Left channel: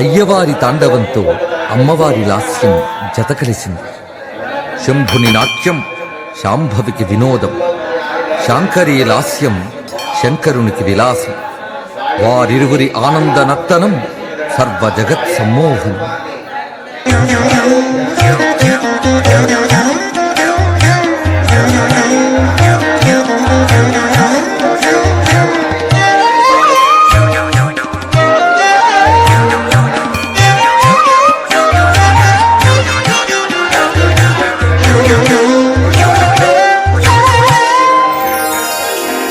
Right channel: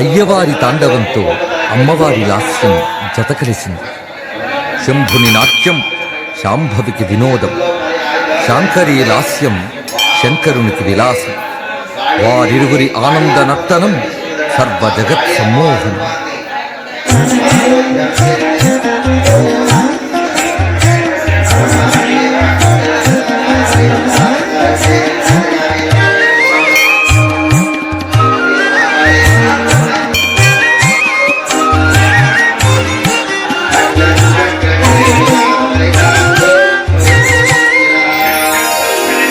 అయ్యవారి తాండవంతో అమ్మవారి లాస్యం జతకలిసింది. శంభుని నాట్యం శాంభవికి వినోదం, శాంకరీ లాస్యం శంకరునికి విలాసం. వారిరువురి ఆనంద నర్తనం సర్వ జగత్ సమ్మోహనం.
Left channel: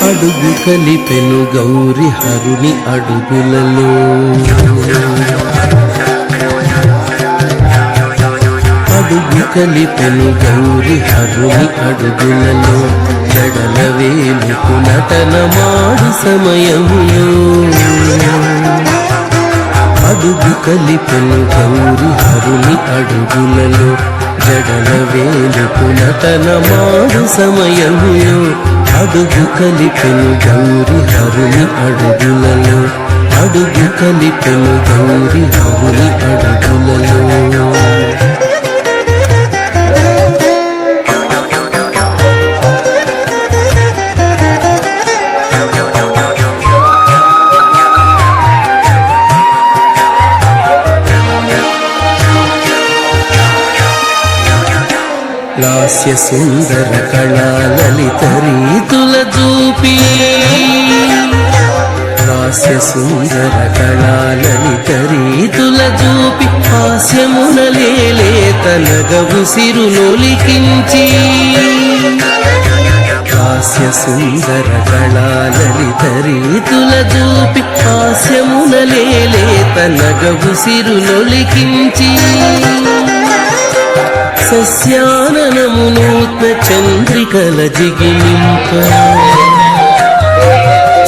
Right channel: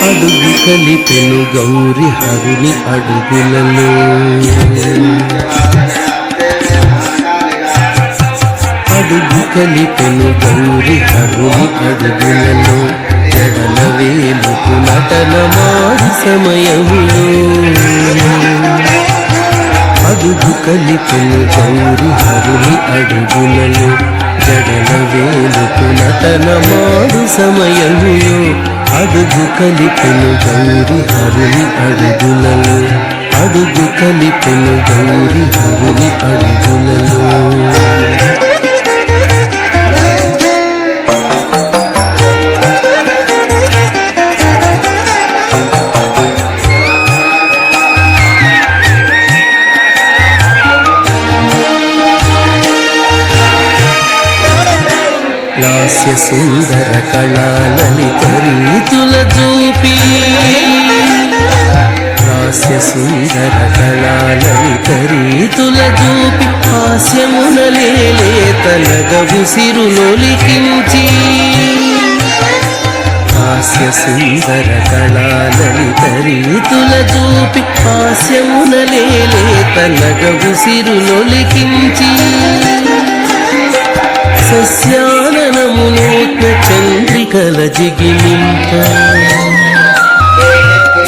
అడుగు కలిపెను గౌరి హరుని అడుగులలో, అడుగు కలిపెను గౌరి హరుని అడుగులలో. జడల వేలుకు నటనమాడు సమయములో, అడుగు కలిపెను గౌరి హరుని అడుగులలో. జడల వేలుకు నటనమాడు సమయములో, అడుగు కలిపెను గౌరి హరుని అడుగులలో. అడుగు కలిపెను గౌరి హరుని అడుగులలో. లాస్య సుందర కళా లలిత రీతుల చూపి, లాస్య సుందర కళా లలిత రీతుల చూపి. హాస్యమున లేలేత నగవు సిరులొలికించి, హాస్య సుందర కళా లలిత రీతుల చూపి. హాస్యమున లేలేత నగవు సిరులొలికించి. సస్యాననమునూత్న చంద్రికల జిగిలింప,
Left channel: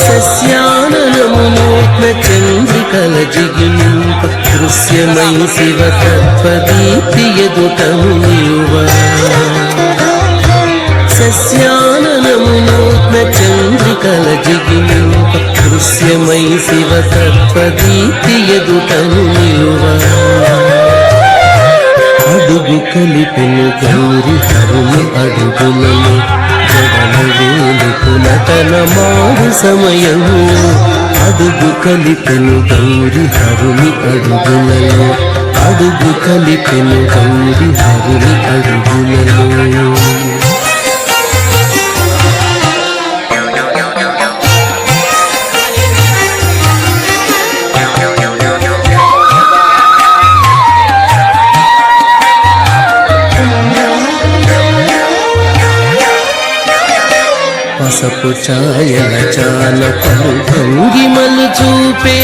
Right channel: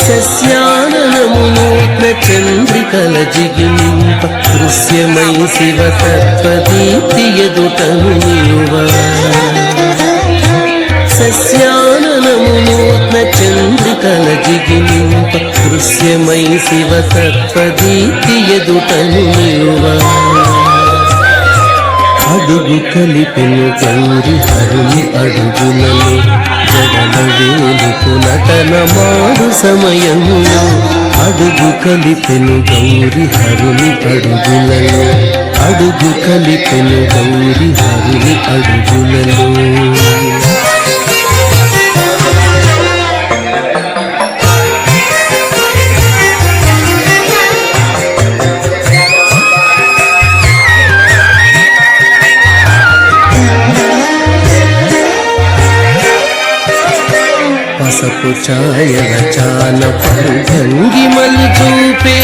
సస్యాననమునూత్న చంద్రికల జిగిలింప. దృశ్యమై శివ తత్వదీప్తి ఎదుటను నిలువ, సస్యాననమునూత్న చంద్రికల జిగిలింప. దృశ్యమై శివ తత్వదీప్తి ఎదుటను నిలువ. అడుగు కలిపెను గౌరి హరుని అడుగులలో. జడల వేలుకు నటనమాడు సమయములో, అడుగు కలిపెను గౌరి హరుని అడుగులలో. అడుగు కలిపెను గౌరి హరుని అడుగులలో. పసపు ఛాయల చాన పలు భంగిమలు చూపే,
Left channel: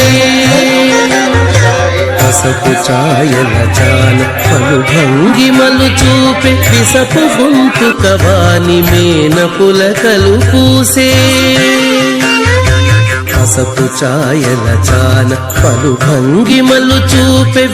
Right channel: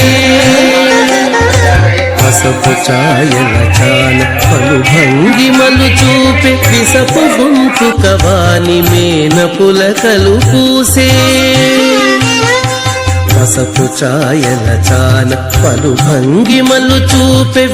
పసపు ఛాయల చాన పలు భంగిమలు చూపే. విసపు గొంతు కవాని మేన పులకలు పూసే, పసపు ఛాయల చాన పలు భంగిమలు చూపే.